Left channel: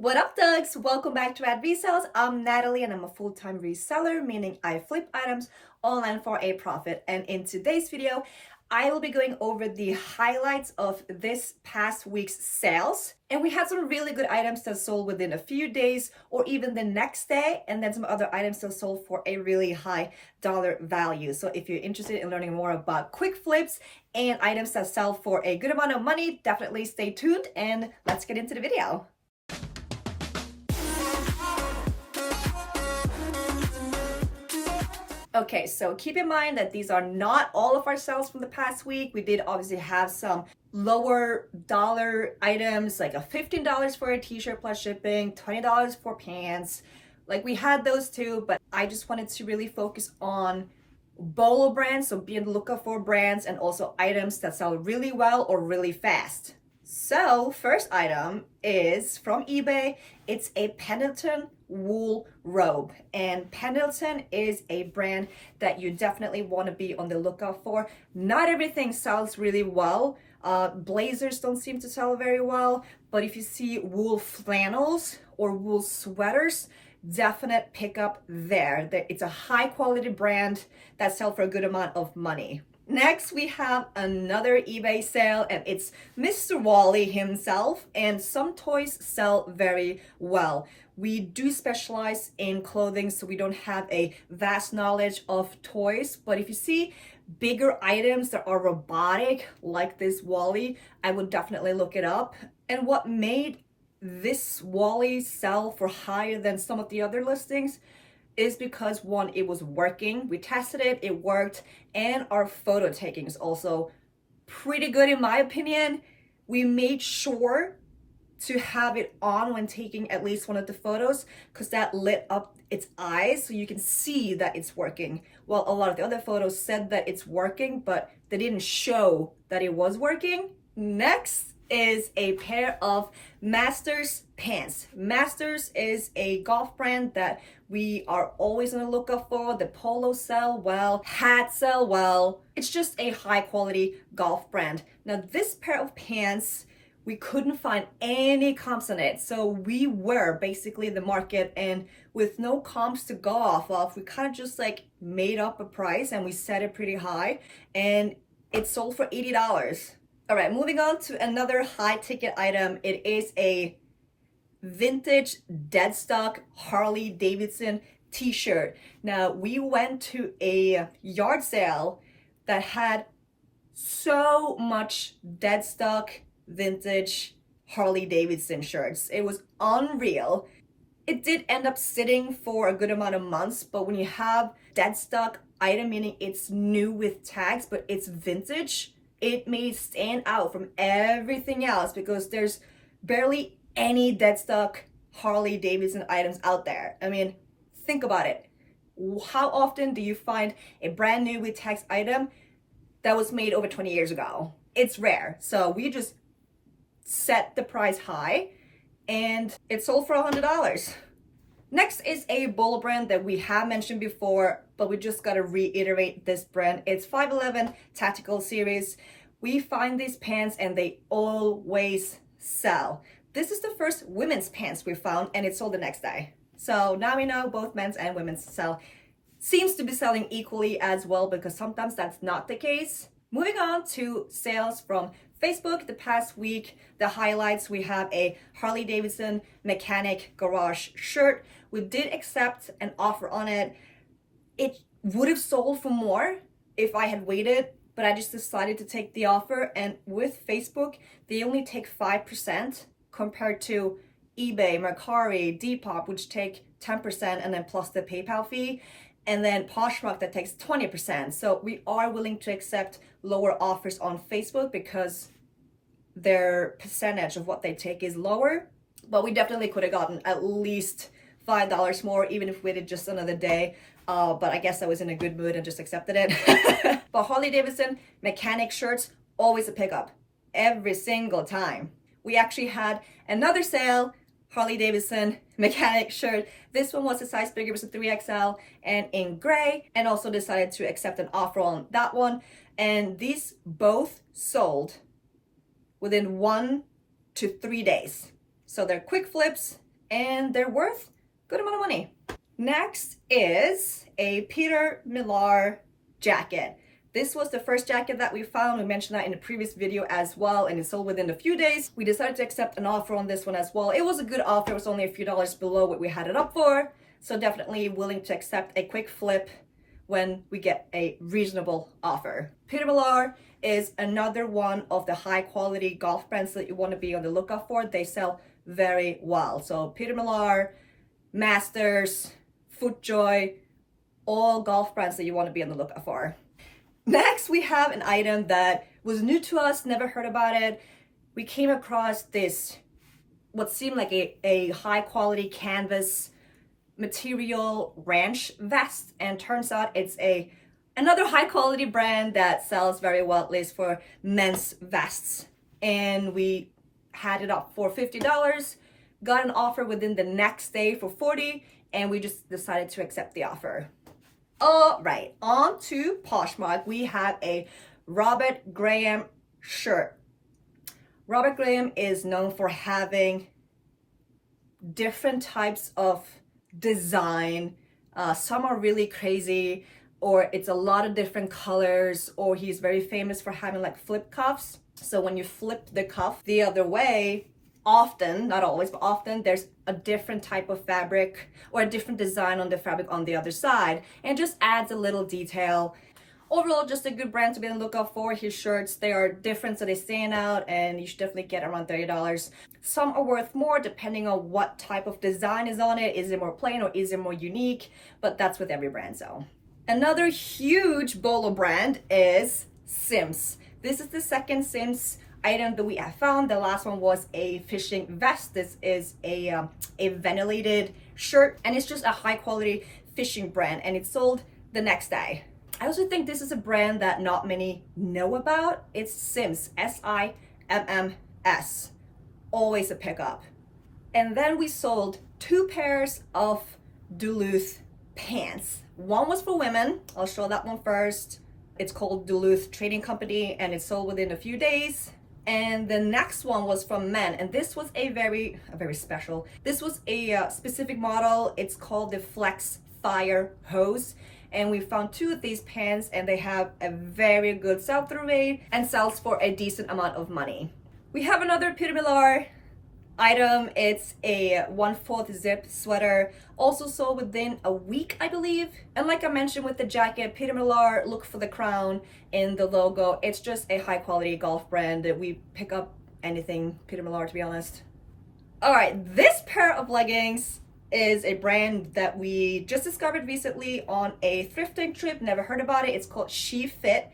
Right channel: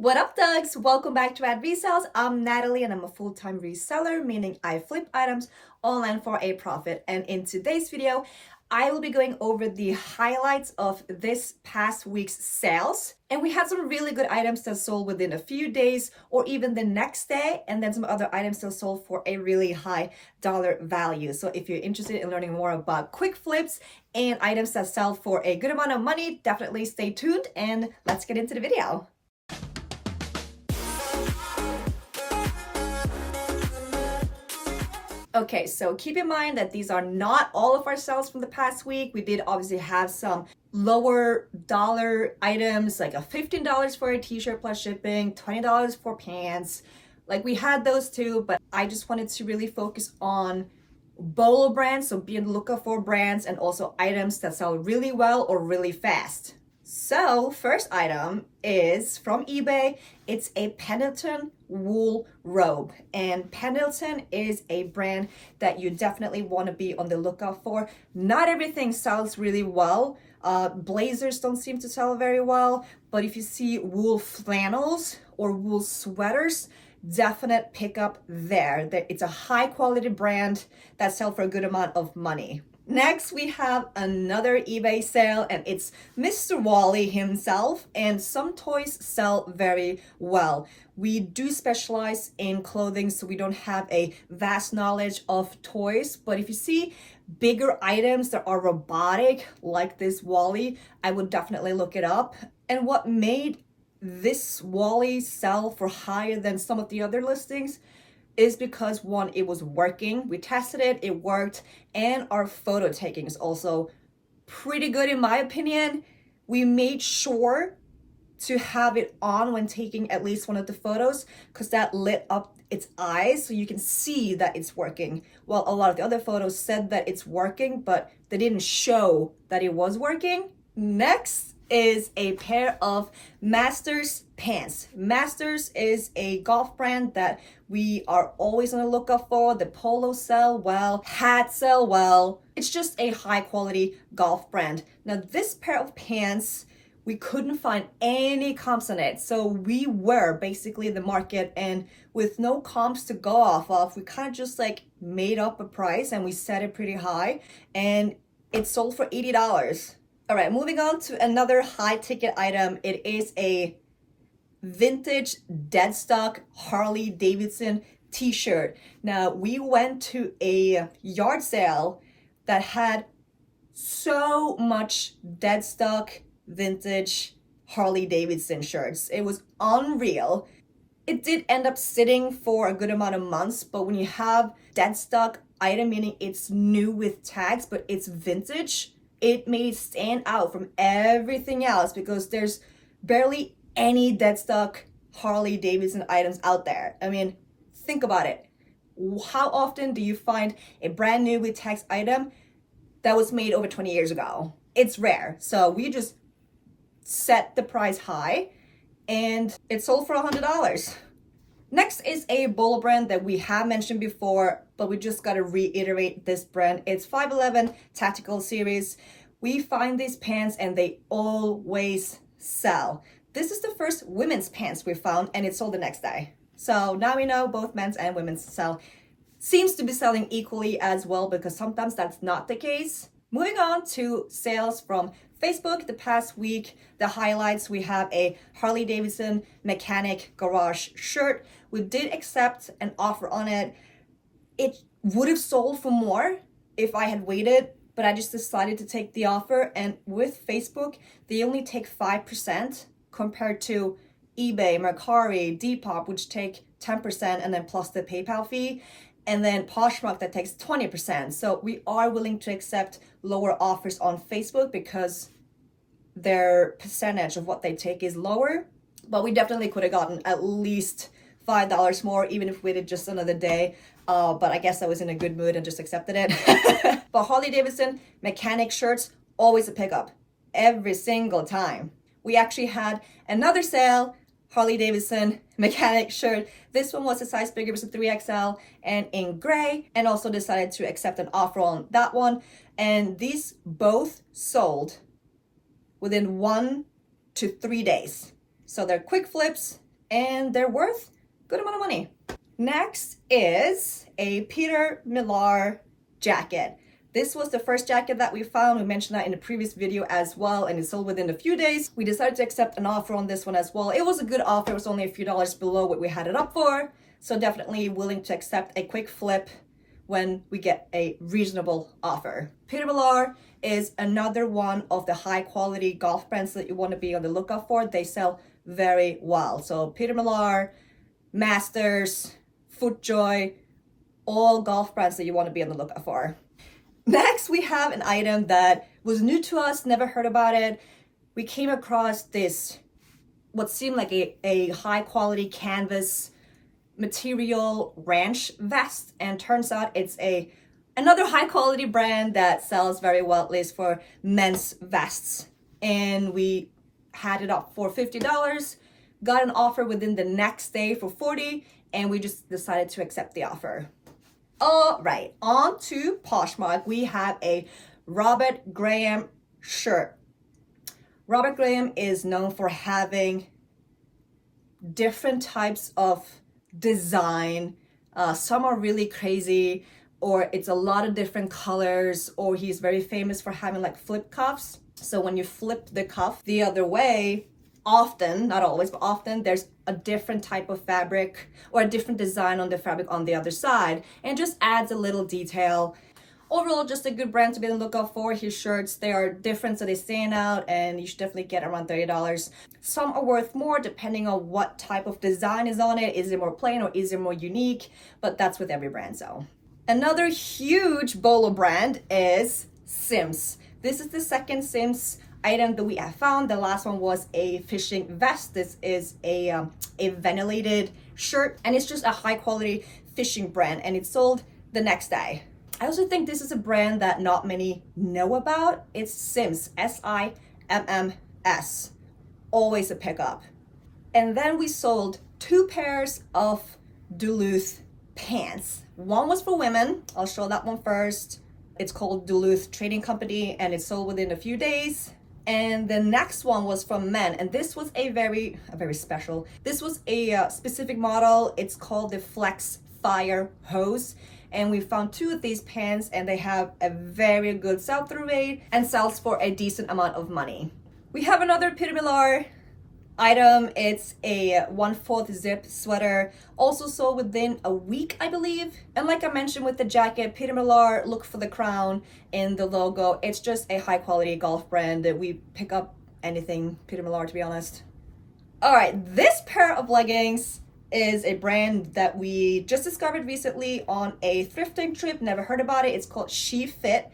What up, thugs? Welcome back to Resells. I'm Natalie and I'm a full-time reseller, meaning I flip items online for a profit. And in today's video, I will be going over the highlights of this past week's sales. And we had some really good items that sold within a few days or even the next day, and then some other items that sold for a really high dollar value. So if you're interested in learning more about quick flips and items that sell for a good amount of money, definitely stay tuned and let's get into the video. Okay, so keep in mind that these are not all of our sales from the past week. We did obviously have some lower dollar items, like a $15 for a t-shirt plus shipping, $20 for pants. Like we had those too, but I just wanted to really focus on bolo brands, so be on the lookout for brands and also items that sell really well or really fast. So first item is from eBay. It's a Pendleton wool robe, and Pendleton is a brand that you definitely want to be on the lookout for. Not everything sells really well. Blazers don't seem to sell very well, but if you see wool flannels or wool sweaters, definite pickup there. It's a high quality brand that sells for a good amount of money. Next, we have another eBay sale, and it's Mr. Wally himself, and some toys sell very well. We do specialize in clothing, so we don't have a vast knowledge of toys, but if you see bigger items that are robotic, like this Wally, I would definitely look it up. And what made this Wally sell for higher than some of the other listings is because, one, it was working. We tested it, it worked, and our photo taking is also pretty good in my opinion. We made sure to have it on when taking at least one of the photos because that lit up its eyes so you can see that it's working. Well, a lot of the other photos said that it's working, but they didn't show that it was working. Next is a pair of Masters pants. Masters is a golf brand that we are always on the lookout for. The polos sell well, hats sell well. It's just a high quality golf brand. Now this pair of pants, we couldn't find any comps on it. So we were basically the market, and with no comps to go off of, we kind of just like made up a price and we set it pretty high, and it sold for $80. All right, moving on to another high ticket item. It is a vintage dead stock Harley-Davidson t-shirt. Now, we went to a yard sale that had so much dead stock vintage Harley-Davidson shirts. It was unreal. It did end up sitting for a good amount of months, but when you have dead stock item, meaning it's new with tags, but it's vintage, it made it stand out from everything else because there's barely any dead stock Harley-Davidson items out there. I mean, think about it. How often do you find a brand new with tags item that was made over 20 years ago? It's rare. So we just set the price high and it sold for $100. Next is a bolo brand that we have mentioned before, but we just got to reiterate this brand. It's 511 Tactical Series. We find these pants and they always sell. This is the first women's pants we found, and it sold the next day. So now we know both men's and women's sell. Seems to be selling equally as well because sometimes that's not the case. Moving on to sales from Facebook the past week. The highlights, we have a Harley-Davidson mechanic garage shirt. We did accept an offer on it. It would have sold for more if I had waited, but I just decided to take the offer. And with Facebook, they only take 5% compared to eBay, Mercari, Depop, which take 10% and then plus the PayPal fee, and then Poshmark that takes 20%. So we are willing to accept lower offers on Facebook because their percentage of what they take is lower, but we definitely could have gotten at least $5 more even if we waited just another day. But I guess I was in a good mood and just accepted it. But Harley-Davidson mechanic shirts, always a pickup every single time. We actually had another sale, Harley-Davidson mechanic shirt. This one was a size bigger, it was a 3XL and in gray, and also decided to accept an offer on that one. And these both sold within 1 to 3 days. So they're quick flips, and they're worth a good amount of money. Next is a Peter Millar jacket. This was the first jacket that we found. We mentioned that in the previous video as well, and it sold within a few days. We decided to accept an offer on this one as well. It was a good offer. It was only a few dollars below what we had it up for. So definitely willing to accept a quick flip when we get a reasonable offer. Peter Millar is another one of the high quality golf brands that you want to be on the lookout for. They sell very well. So Peter Millar, Masters, FootJoy, all golf brands that you want to be on the lookout for. Next, we have an item that was new to us, never heard about it. We came across this, what seemed like a high quality canvas material ranch vest, and turns out it's another high quality brand that sells very well, at least for men's vests. And we had it up for $50, got an offer within the next day for $40, and we just decided to accept the offer. All right, on to Poshmark. We have a Robert Graham shirt. Robert Graham is known for having different types of design. Some are really crazy, or it's a lot of different colors, or he's very famous for having like flip cuffs. So when you flip the cuff the other way, often, not always, but often there's a different type of fabric or a different design on the fabric on the other side, and just adds a little detail. Overall, just a good brand to be on the lookout for. His shirts, they are different, so they stand out, and you should definitely get around $30. Some are worth more depending on what type of design is on it. Is it more plain or is it more unique? But that's with every brand. So another huge bolo brand is Simms. This is the second Simms item that we have found. The last one was a fishing vest. This is a ventilated shirt, and it's just a high quality fishing brand, and it sold the next day. I also think this is a brand that not many know about. It's Simms, S-I-M-M-S. Always a pickup. And then we sold 2 pairs of Duluth pants. One was for women. I'll show that one first. It's called Duluth Trading Company, and it sold within a few days. And the next one was from men, and this was a very special. This was a specific model. It's called the Flex Fire Hose, and we found 2 of these pants, and they have a very good sell-through rate and sells for a decent amount of money. We have another Peter Millar item. It's a 1/4 zip sweater, also sold within a week, I believe. And like I mentioned with the jacket, Peter Millar, look for the crown in the logo. It's just a high quality golf brand that we pick up anything Peter Millar, to be honest. All right, this pair of leggings is a brand that we just discovered recently on a thrifting trip. Never heard about it. It's called She Fit,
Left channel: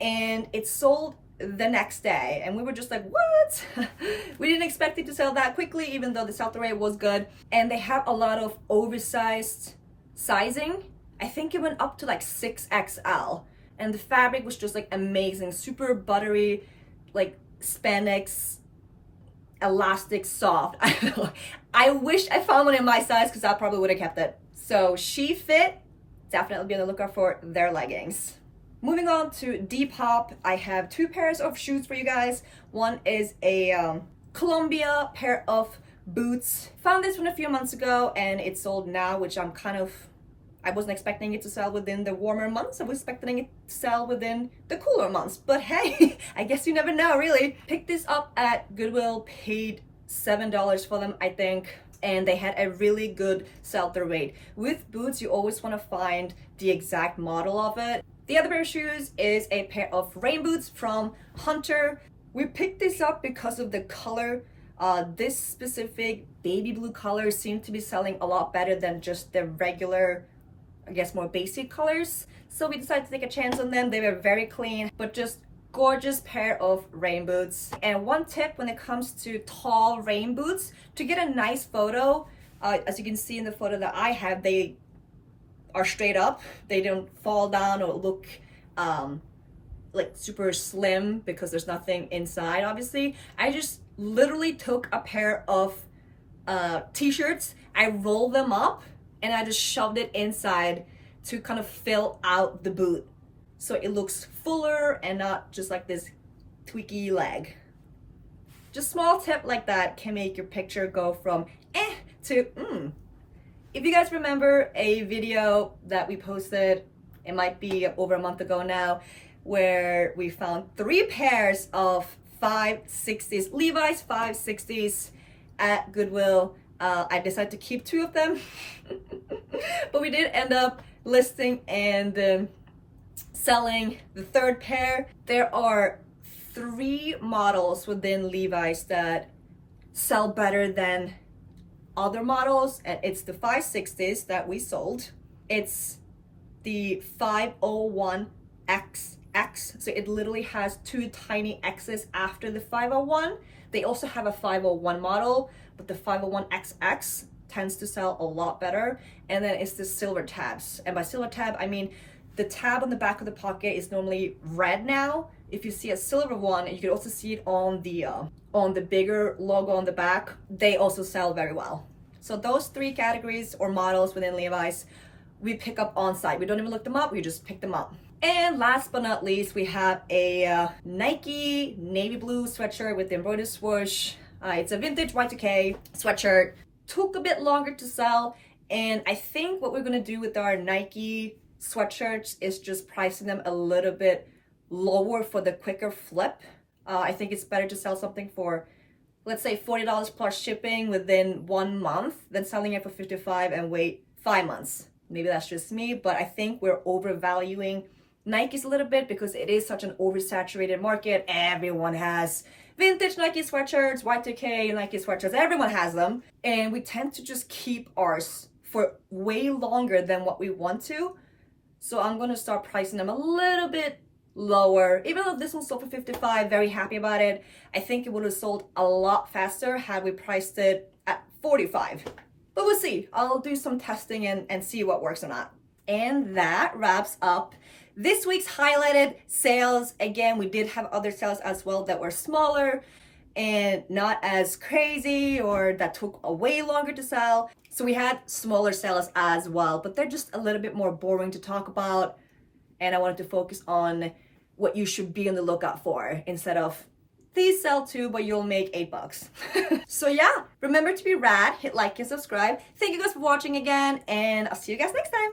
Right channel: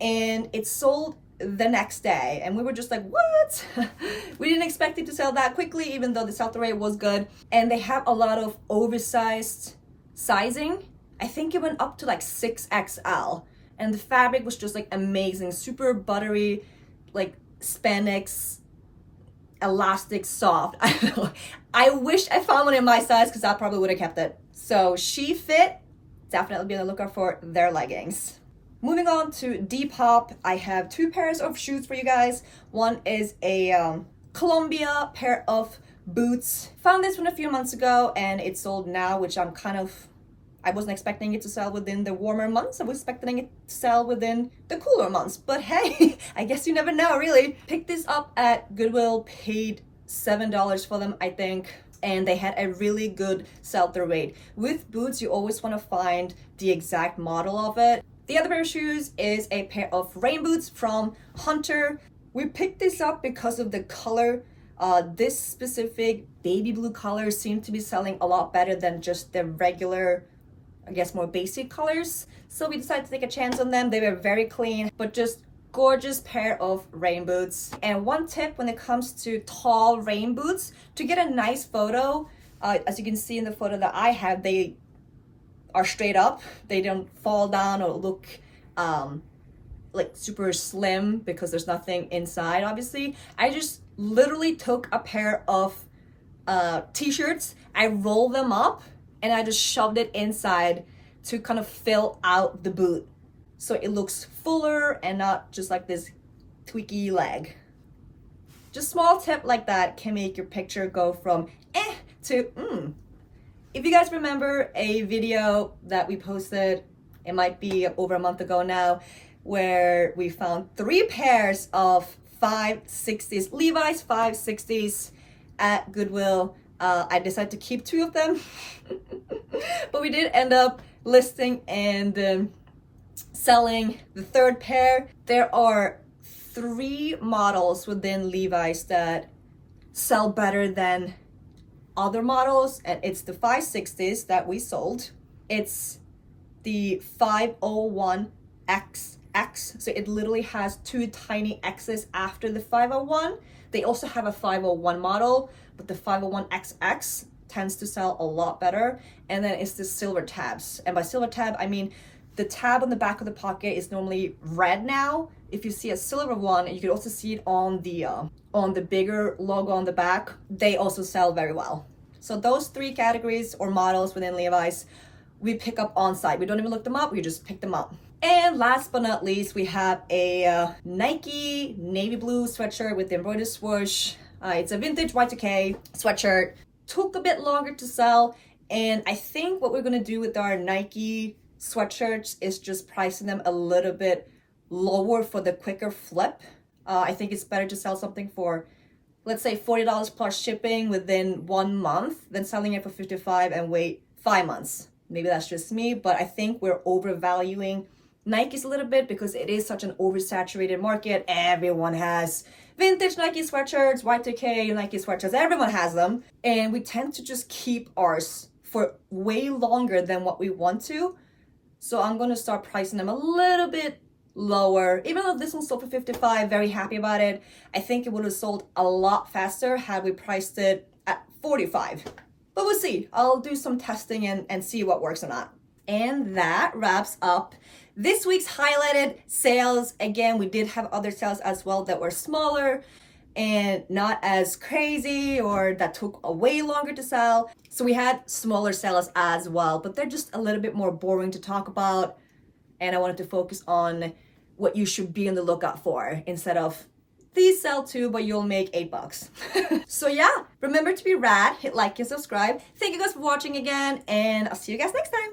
and it sold the next day, and we were just like, what? We didn't expect it to sell that quickly, even though the sell-through rate was good. And they have a lot of oversized sizing. I think it went up to like 6XL, and the fabric was just like amazing, super buttery, like spandex, elastic, soft. I don't know. I wish I found one in my size, because I probably would have kept it. So She Fit, definitely be on the lookout for their leggings. Moving on to Depop, I have 2 pairs of shoes for you guys. One is a Columbia pair of boots. Found this one a few months ago, and it sold now, which I wasn't expecting it to sell within the warmer months. I was expecting it to sell within the cooler months. But hey, I guess you never know, really. Picked this up at Goodwill, paid $7 for them, I think. And they had a really good sell-through rate. With boots, you always want to find the exact model of it. The other pair of shoes is a pair of rain boots from Hunter. We picked this up because of the color. This specific baby blue color seemed to be selling a lot better than just the regular, I guess, more basic colors. So we decided to take a chance on them. They were very clean, but just gorgeous pair of rain boots. And one tip when it comes to tall rain boots, to get a nice photo, as you can see in the photo that I have, they are straight up. They don't fall down or look like super slim because there's nothing inside, obviously. I just literally took a pair of t-shirts, I rolled them up, and I just shoved it inside to kind of fill out the boot, so it looks fuller and not just like this tweaky leg. Just small tip like that can make your picture go from to, if you guys remember a video that we posted, it might be over a month ago now, where we found 3 pairs of 560s, Levi's 560s at Goodwill. I decided to keep 2 of them, but we did end up listing and selling the 3rd pair. There are 3 models within Levi's that sell better than other models, and it's the 560s that we sold. It's the 501XX, so it literally has 2 tiny X's after the 501. They also have a 501 model, but the 501XX tends to sell a lot better. And then it's the silver tabs, and by silver tab I mean the tab on the back of the pocket is normally red now. If you see a silver one, you can also see it on the bigger logo on the back. They also sell very well. So those 3 categories or models within Levi's, we pick up on site. We don't even look them up, we just pick them up. And last but not least, we have a Nike navy blue sweatshirt with the embroidered swoosh. It's a vintage Y2K sweatshirt. Took a bit longer to sell, and I think what we're gonna do with our Nike sweatshirts is just pricing them a little bit lower for the quicker flip. I think it's better to sell something for, let's say, $40 plus shipping within 1 month than selling it for $55 and wait 5 months. Maybe that's just me, but I think we're overvaluing Nikes a little bit because it is such an oversaturated market. Everyone has vintage Nike sweatshirts, Y2K Nike sweatshirts, everyone has them. And we tend to just keep ours for way longer than what we want to. So I'm gonna start pricing them a little bit lower. Even though this one sold for $55, very happy about it. I think it would have sold a lot faster had we priced it at $45. But we'll see. I'll do some testing and see what works or not. And that wraps up this week's highlighted sales. Again, we did have other sales as well that were smaller and not as crazy or that took a way longer to sell. So we had smaller sales as well, but they're just a little bit more boring to talk about. And I wanted to focus on what you should be on the lookout for instead of these sell too, but you'll make $8. So yeah, remember to be rad, hit like and subscribe. Thank you guys for watching again, and I'll see you guys next time.